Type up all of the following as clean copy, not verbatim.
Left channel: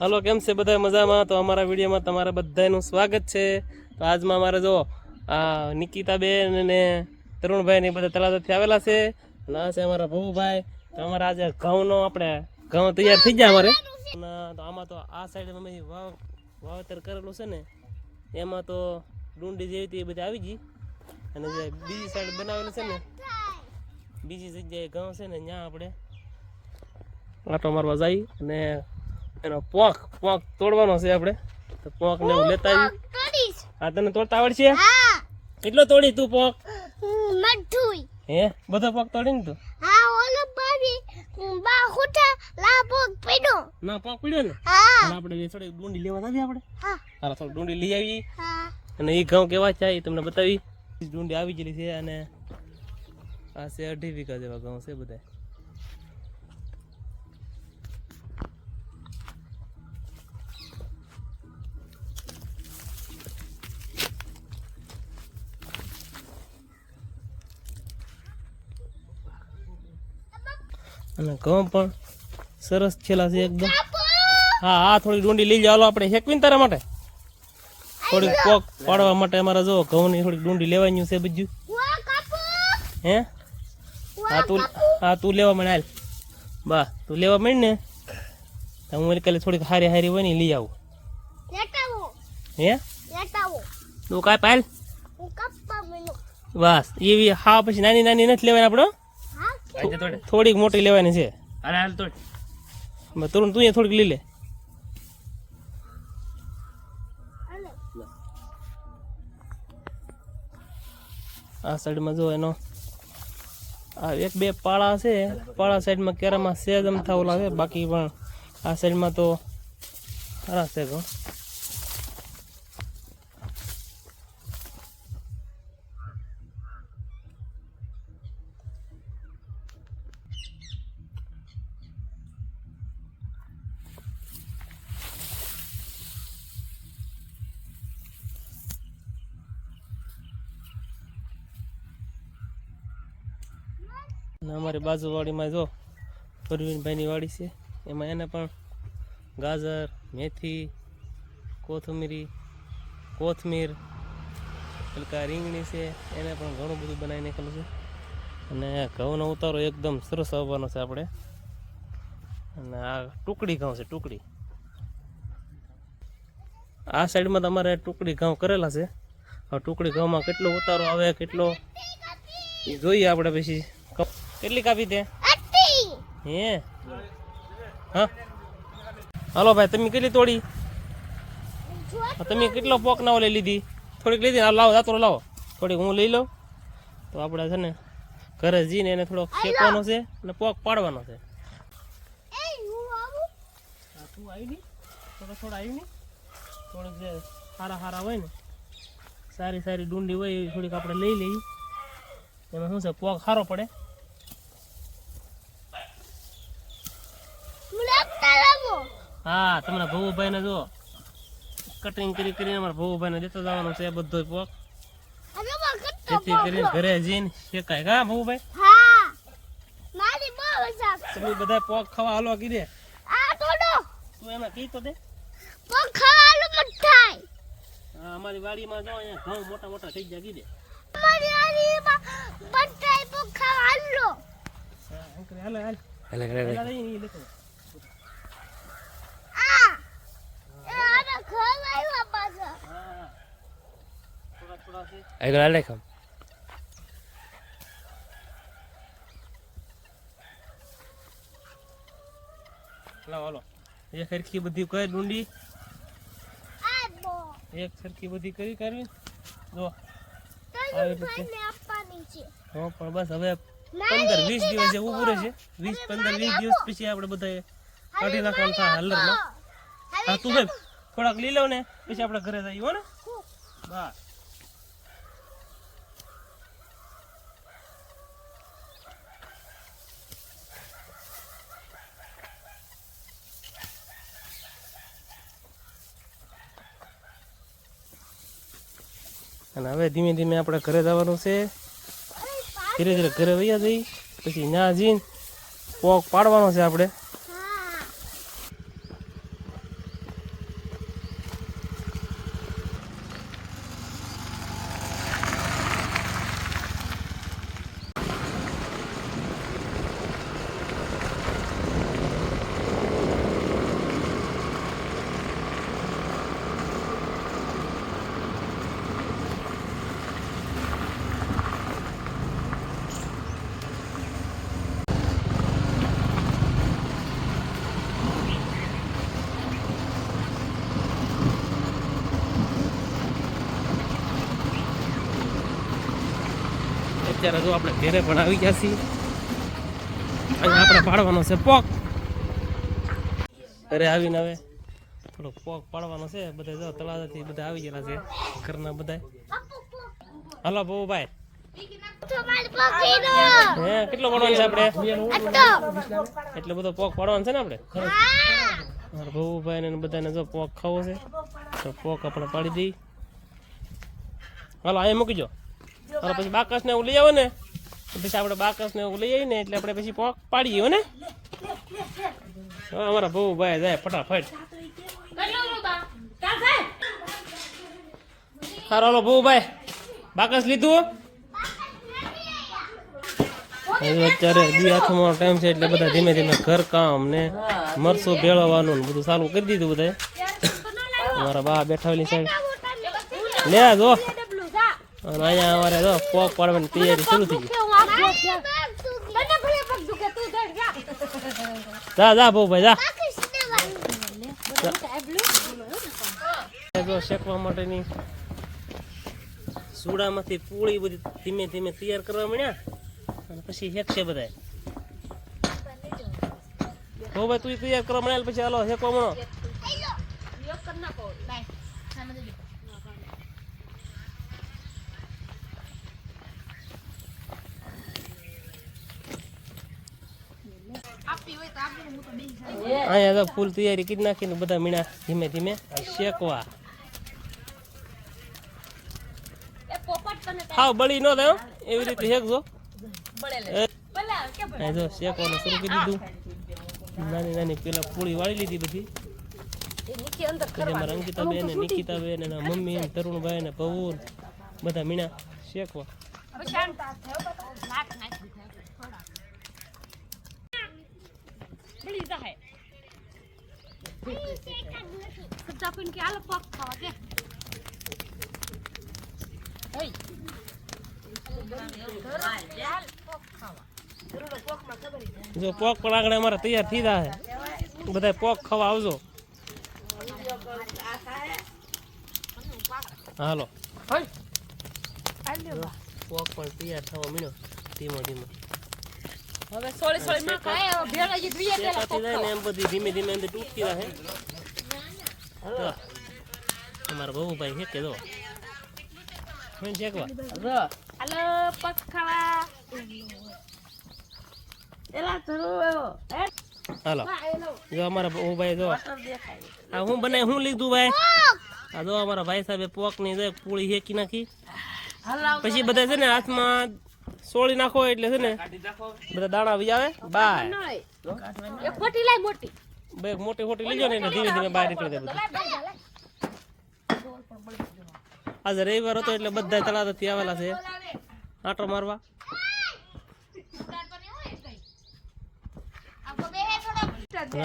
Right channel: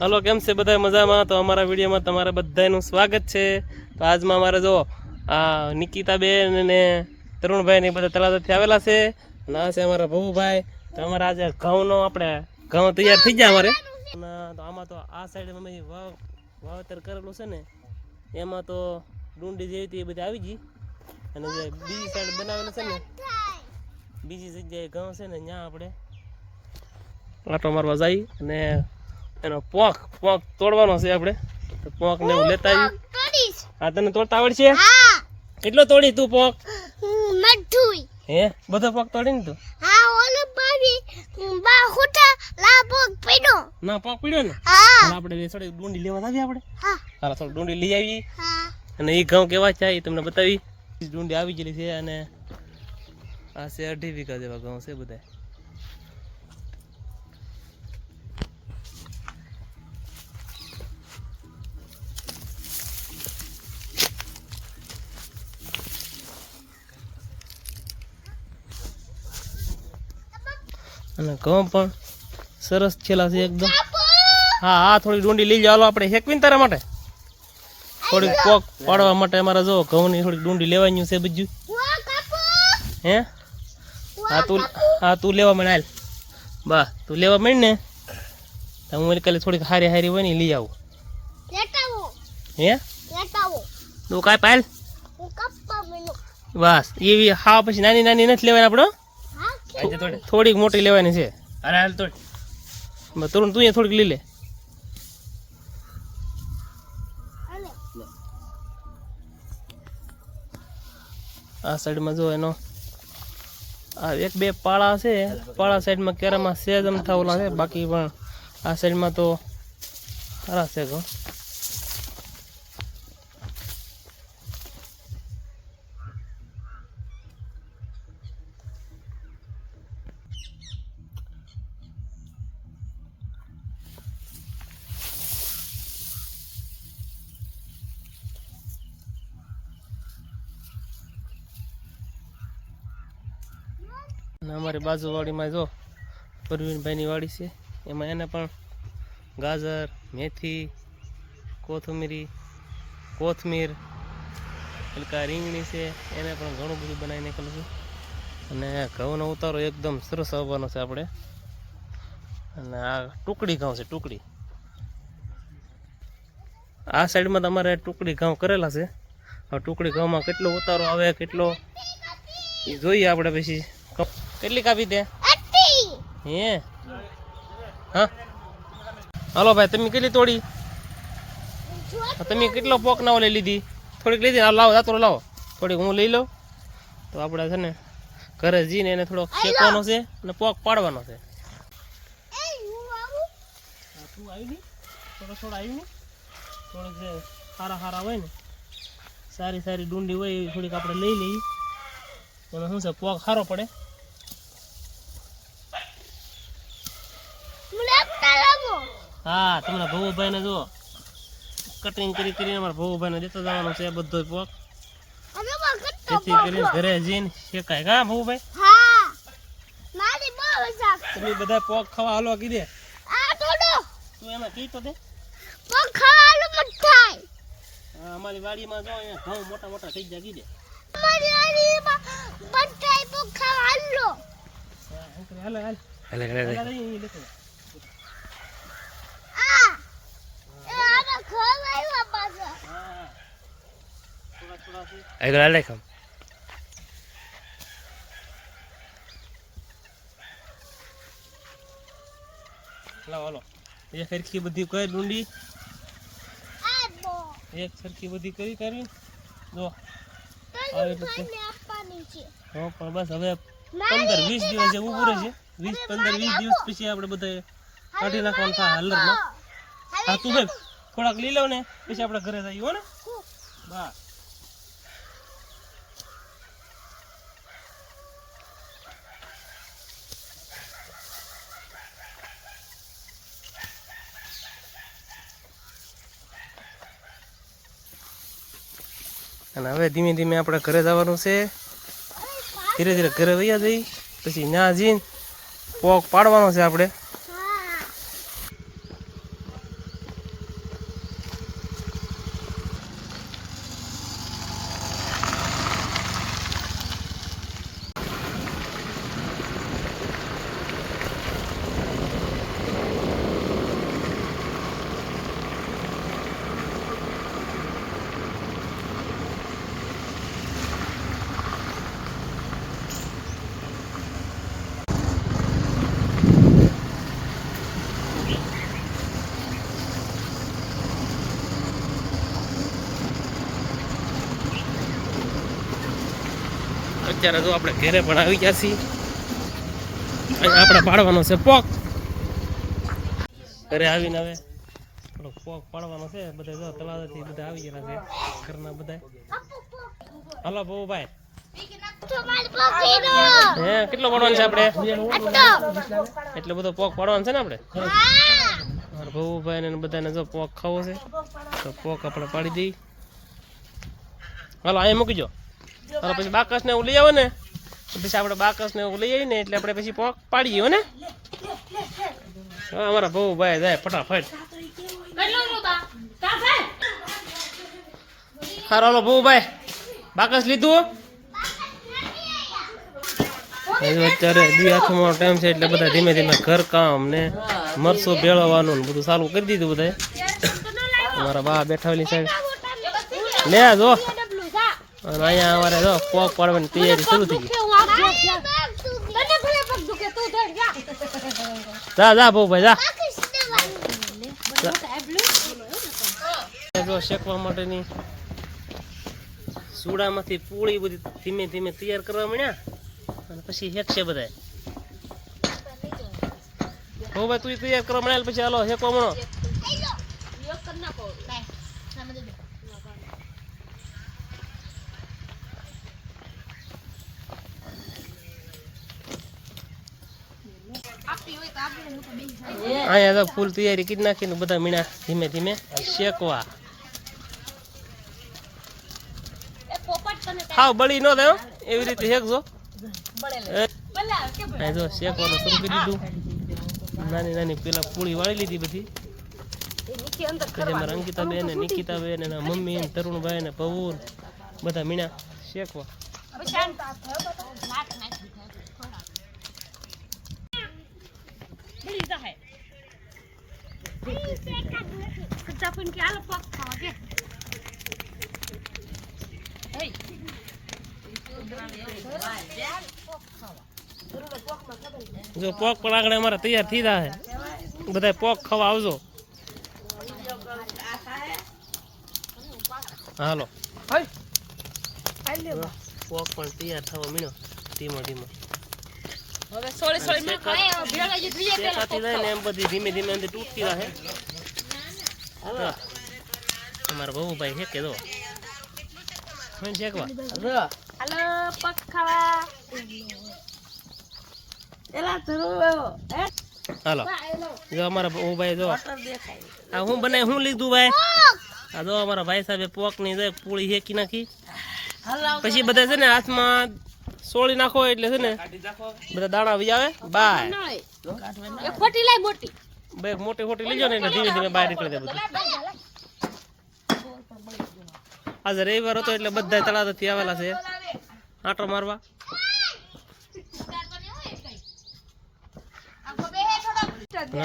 Hello, કેમ છે બધા મજામાં? તો અમારા વિડીયોમાં તમારા બધાનું સ્વાગત છે. તો આજમાં અમારે જો આ નિકિતાબેન અને તરુણભાઈ ને બધા તળાવથી આવેલા છે. અને આ છે અમારા ભવુભાઈ. તો અમારા આજે ઘઉંનો આપણે ઘઉં તૈયાર થઈ ગયા અમારે. તો આમાં તો આ સાઈડ અમે વાવેતર કરેલું છે ને, એમાં તો ડુંડી જેવી હતી એ બધી આવી ગઈ. અને જે બીજી સાઈડ બનાવેલું છે ને, બીજી જગ્યાએ ઘઉં છે ને, ત્યાં આપણે આટો મારવા જઈ અને એનો પોંખ તોડવાનો છે આપણે. તો પોંખ ને એવું લેતા આવી. હા, તને તોડતા આવડશે? કેટલો તોડી તું પોંખ? હે, બધો પોંખ તોડી ને તું? ના, પોંખ પડ્યો ને. આપણે થોડી ડુંડી લેવા આવી આપણે. હા, થોડી ડુંડી લઈ આવી અને એ ઘઉં કેવા છે એ તમને બતાવી. ડુંડી આવી ગયેલી છે અને આ છે 2.5 વીઘા જેવા ઘઉં છે બધા. અને ઘઉં પણ સરસ છેલા છે એકદમ. હા હા, થોડી ડુંડી લઈ જાવ આપણે હેકવીને તારા માટે. થોડીક પોક પાડવા માટે અમારે જો ઘઉંની થોડીક ડુંડી લેવાની છે બધું. હે, હા તું લેવા મને હાલ. બા તું લેવા માંડ ને, હું કાલે થોડીક હારી હોય ને લઈ આવું. હે, તું કાંઈ પાલ બસ એવી હા, પછી નાની નાની નથી લેવાની આપણો, થોડીક મોટી લેવાની છે. અરે હાલ તોડ તું થોડીક લઈ લે. આ સાઈડમાં જો એનો આ 1-2 પાળા છે. પાળા સાઈડમાં કેરામાં સેજ અમથા ઓલા છે, બાકી પણ આ સાઈડમાં તો સારા છે ઘઉં. અમારી બાજુવાડીમાં જો પરવીનભાઈની વાડી છે, એમાં એને પણ ગાજર, મેથી, કોથમીર હલકા રીંગણી છે, એને પણ ઘણું બધું બનાવી નાખેલું છે. અને ઘઉંનો ઉતારો એકદમ સરસ આવવાનો છે આપણે. અને આ ટુકડી ઘઉં છે, ટુકડી. આ સાઈડમાં તમારે ટુકડી ઘઉં કરેલા છે. આ ટુકડી ઘઉંમાં કેટલો ઉતારો આવે કેટલો એ જોઈએ આપણે. પછી કેટલી કાપી દે? હે, હા હાલો ભાઈ, તમે કેટલી તોડી? તમે કેટલો પોક ના લઈ લીધી? થોડીક લીધી. લાવો જાતો લાવો, થોડીક હું લઈ લઉં. તો આપણે છે ને ઘરે જઈને એને થોડોક શેકવાનો છે અને પોક પાડવાનો છે. તું આવી ગઈ? થોડો આવી ગઈ. થોડીક જે સારા હોય ને, સારી ડુંડી હોય એ થોડીક આપણે લઈ લઈએ. એમાં શું છે, પોક સારો પડે. હા, તમારા ભવુભાઈ ને જો કટિંગ કરીને અમારા ભવુભાઈ ને દેતો જવાનું છે બધો પોક, જેથી કરીને ઘરે જઈને શેકાય. હા ભવુભાઈ, તમે બધા પોક ખાવા હાલો કીધે. તું એમાં કી તો દે. હા, અમારી વાડીમાં જો અહીંયા ઘઉં મોટા થઈ ગયા કીધે. હાલો, એક સરખી બધી કઈ ડુંડી એક સરખી બધી કરવી જો આવી રીતે. હા, પણ બસ હવે 15-20 દિવસ જે ઉભું રહેશે. 15-20 દિવસ પછી આપણે બધા કાઢી નાખવાનું થાય હલરમાં. હા, તું ભાઈ થોડાક લઈ લો ને, પછી આપણે ઘરે જઈએ હો ને. બસ અને હવે ધીમે ધીમે આપણે ઘરે જવાનું છે. ધીરે ધીરે ઘરે વૈયા જઈ, પછી ત્યાં જઈને પોક પાડવાનો છે આપણે. અત્યારે જો આપણે ઘરે પણ આવી ગયા છીએ. અહીંયા આપણે પાડવાનો છે પોક. ઘરે આવીને હવે થોડોક પોક પાડવાનો છે. બધા જો તળાવથી બધા આવી ગયા છે ઘરના બધા. હાલો બહુભાઈ હે કેટલો પાડવાનો છે આપણે? એટલો બધો પોક પાડવાનો છે ને આપણે? મારા બહુભાઈ ને બધાને જો પોક ખાવો છે તો પોક આપણે પાડી દઈએ. હાલો અહીંયા મૂકી જો. હાલો પછી બાકસ ને એવું લઈ આવો ને પછી આપણે બાકસ ને એવું લઈ આવીને એટલે આપણે પછી પોક પાડીએ હો ને. હા અમારા બહુભાઈ જાય ફટાફટ. હાલો હાલો બહુભાઈ બાકસ લીધું? અત્યારે દી હાથમાં ટાઈમ છે એટલે બધા ધીમે ધીમે ઘર કામ ને મરસું ભેળવવાનું ને બધું ચાલુ કરી દીધું બધા. અમારા બા બેઠા ઓલી સાઈડ લે જો. અને અહીંયા અમારે જો પોક પાડવાની તૈયારી શરૂ થઈ ગઈ. જા જા બહુભાઈ જા. જો શેકવા માટેની સુડામાંથી પૂળી બધી ધીમે ધીમે તૈયાર કરવા માંડ્યા અને પછી હેકશે બધા. હો ભાઈ તું તૈયાર કરવા મળ્યા પછી હાલો હેકવા મળો. અહીંયા તો ફૂલ તૈયારી કરી નાખીને બધા મીણા ધીમે ધીમે શેકવા. હાવ બળી ન થાય એવી રીતે શેકજો. જો શેકવાનું શરૂ કરી દીધું. નાની નાની પેલા પૂળી વાળી લીધી બધી. પછી અમારા અંકિતાબેન ને નિકિતાબેન એના મમ્મી ને તરુણભાઈ ને ભવુ બધા મીણા શેકવા. જો પોક પણ આગળ અમારા તૈયાર થઈ જાય બધા પોક ખાવા આવજો. હાલો પોક પણ તૈયાર થવા મીણો ધીમો ધીમો. શેકાતી જાય ને એમ બધી ધીમે ધીમે અંદર તૂટતી રહે. અમારા બહુભાઈ શેકે દો શેકવા. હાલો જો અમારા બહુભાઈ જો આ હું બનાય હું લીધું ભાઈ. આ જો અમારા ભાઈ સાહેબે પોક ની પૂળી શેકી નાખી. પછી બધા છે ને હાથમાં સોળી નાખો એટલે છે ને બધા દાણા આવી આવે બાય. બે મોટી મોટી લીજો ને એટલે ધીમે ધીમે બહાર નીકળી જાય બધું. આજે રવિવાર હતો એટલે બધા તળાવથી આવેલા છે આંટો મારવા.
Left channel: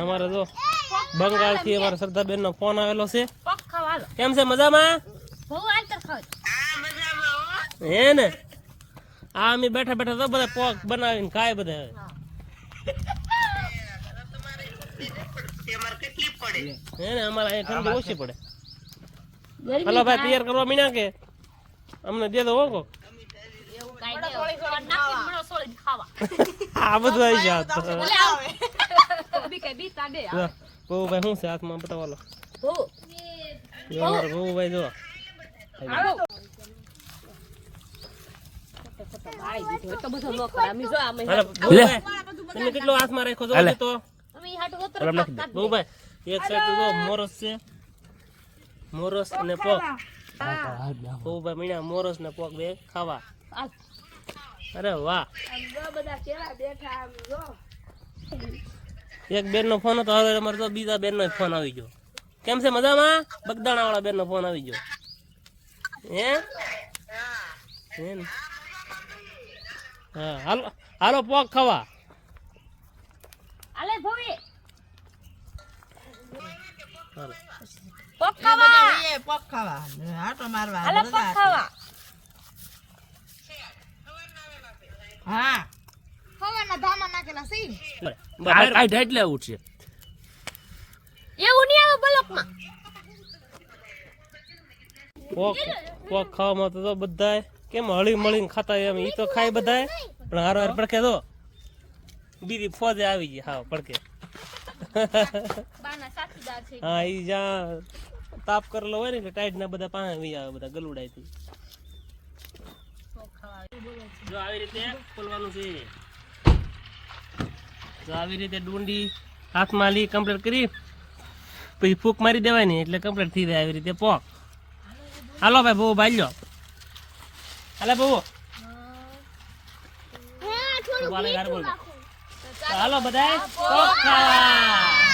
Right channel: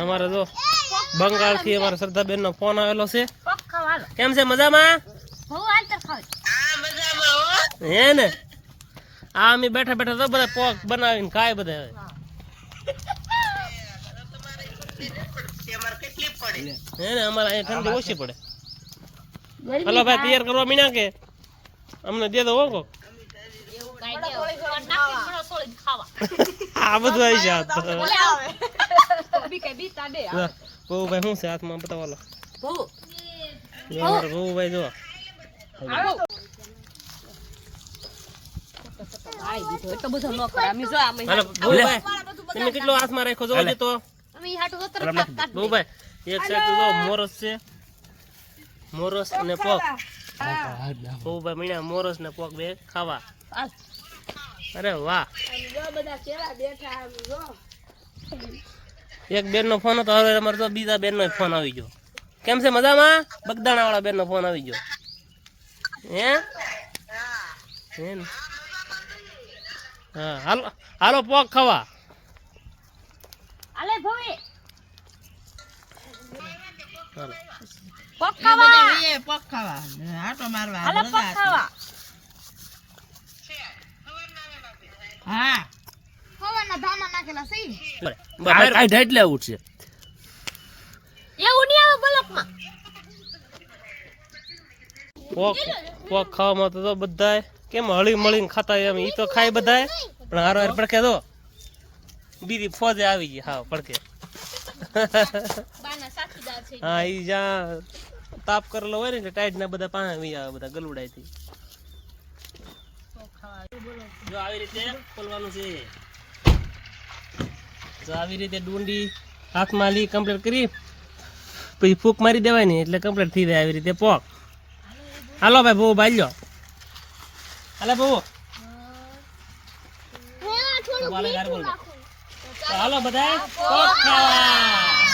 અમારે જો બંગાળ થી અમારા શ્રદ્ધાબેન નો ફોન આવેલો છે. કેમ છે મજામાં? હે ને આ અમે બેઠા બેઠા તો બધા પોક બનાવીને ખાય બધા. હે ને અમારે અહીંયા ઠંડી ઓછી પડે. હલો ભાઈ તૈયાર કરવા મીના કે અમને દે દો હો. આ બધું આવી જાય બહુભાઈ શું છે હાથમાં બતાવો. બહુભાઈ જો તમે કેટલો હાથમાં રાખો જો તો બહુભાઈ. એક સાઈડ તો મોરસ છે મોરસ અને પોક. બહુભાઈ મીણા મોરસ ને પોક બે ખાવા. અરે વાહ. એક બેન નો ફોન હતો હવે અમારે તો બીજા બેન નો ફોન આવી ગયો. કેમ છે મજામાં? બગદાણા વાળા બેન નો ફોન આવી ગયો. હે હા હાલો હાલો પોક ખાવા. પોક ખાવામાં તો બધા કેમ હળી મળીને ખાતા હોય એમ ઈ તો ખાય બધાય પણ હારો હાર પડકે તો બીજી ફોજે આવી ગઈ હા પડકે હા ઈ જ્યાં તાપ કરેલો હોય ને એટલે ટાઈટ ના બધા પાણી વી આવે બધા ગલુડાય થી જો આવી રીતે ખોલવાનું છે જો આવી રીતે ડુંડી હાથમાં લી કમ્પ્લીટ કરી પછી ફૂક મારી દેવાય ને એટલે કમ્પ્લીટ થઈ જાય આવી રીતે પોક હાલો ભાઈ બહુ બાલ્યો હાલે બહુ હાલો બધા પોક ખાવા